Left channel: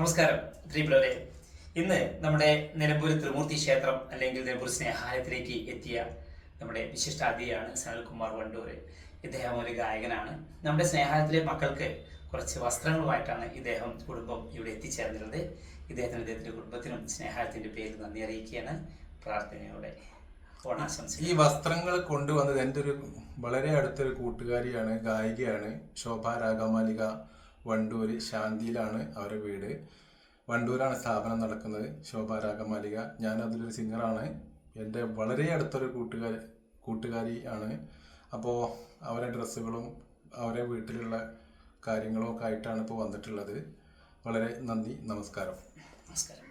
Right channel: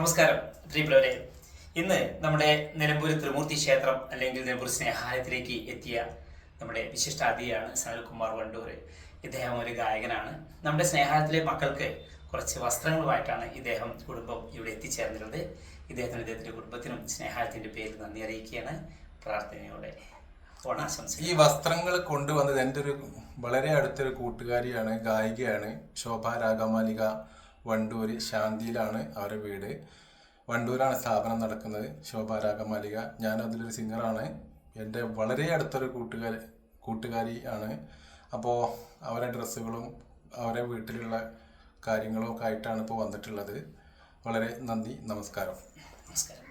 നമസ്കാരം പ്രിയപ്പെട്ടവരെ. ഇന്ന് നമ്മുടെ നിലമ്പൂർ ത്രിമൂർത്തി ക്ഷേത്രം അല്ലെങ്കിൽ നിലമ്പൂർ സ്നേഹാലയത്തിലേക്ക് എത്തിയ നമ്മുടെ വിശിഷ്ട അതിഥിയാണ് സനൽകുമാർ വണ്ടൂർ ഇദ്ദേഹം ഒരു ഗായകനാണ്. നമ്മുടെ സ്നേഹാലയത്തിലെ മക്കൾക്ക് കുറച്ച് വസ്ത്രങ്ങളുമായിട്ടാണ് ഇദ്ദേഹം കുടുംബം ഇവിടെ എത്തിച്ചേർന്നിരുന്നത്. ഇദ്ദേഹത്തിന് ഇദ്ദേഹത്തിന്റെ കുടുംബത്തിനും സ്നേഹാലയത്തിന്റെ പേരിൽ നന്ദി അറിയിക്കുകയാണ്. പ്രാർത്ഥനയോടെ ഈ വസ്ത്രങ്ങൾ കൊണ്ടുവന്നത് എന്റെ ഒരു വളരെ അടുത്തൊരു കൂട്ടുകാരിയാണ് ഗായികയാണ്. ശോഭ രാഗമാലിക വണ്ടൂര് ശാന്തിയിലാണ് അവരുടെ വീട്. വണ്ടൂരാണ് സ്ഥാപനം നടക്കുന്നത്. ശോഭ രാഗമാലിക ഞാൻ അതിലൊരു സിംഗറാണ് എന്റെ വളരെ അടുത്തൊരു കൂട്ടുകാരി കൂട്ടുകാരി ആണ്. അപ്പോൾ അവരെ ഡ്രസ്സുകളും അവരെ വീട്ടിലുള്ള കാര്യങ്ങളും ഒക്കെ ആയിട്ടാണ് ഇപ്പോൾ വന്നിട്ടുള്ളത്. വളരെ നന്ദി. നമസ്കാരം. നമസ്കാരം.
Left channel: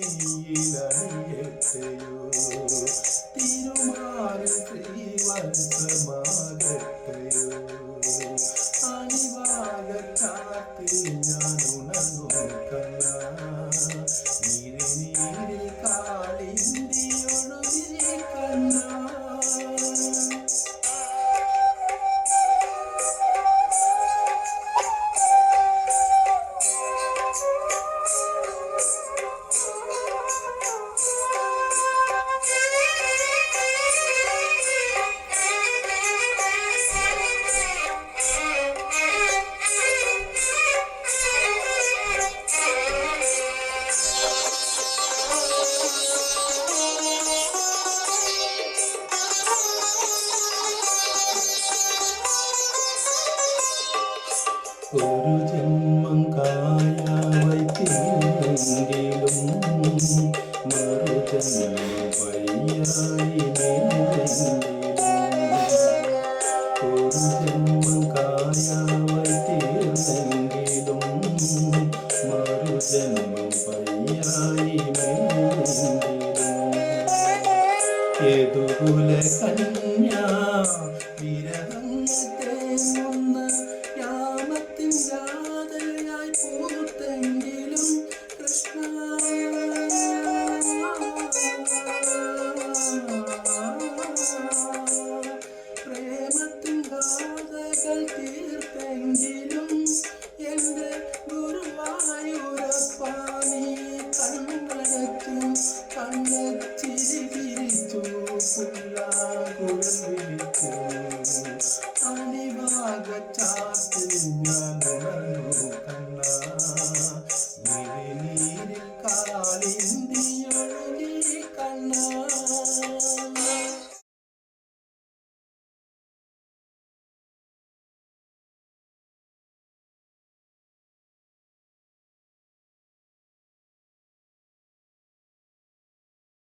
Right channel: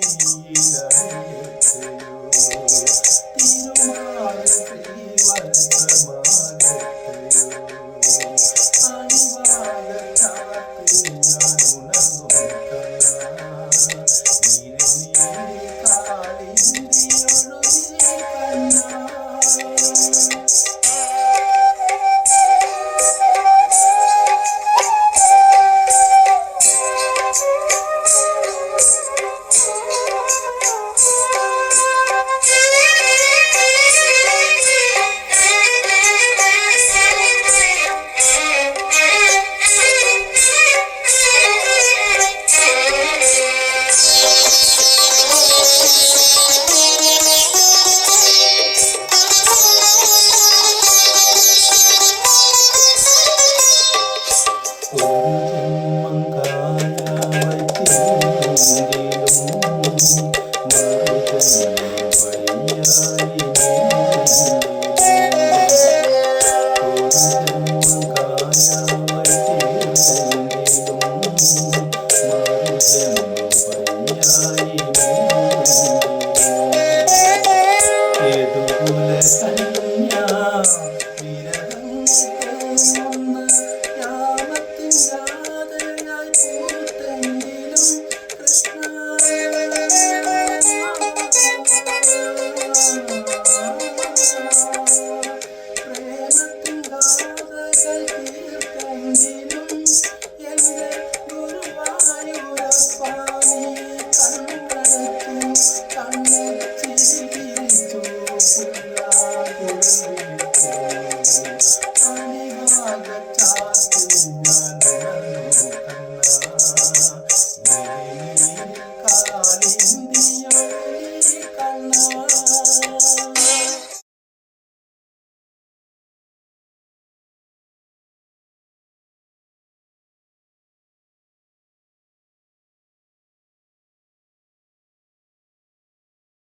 昨天。Thanks.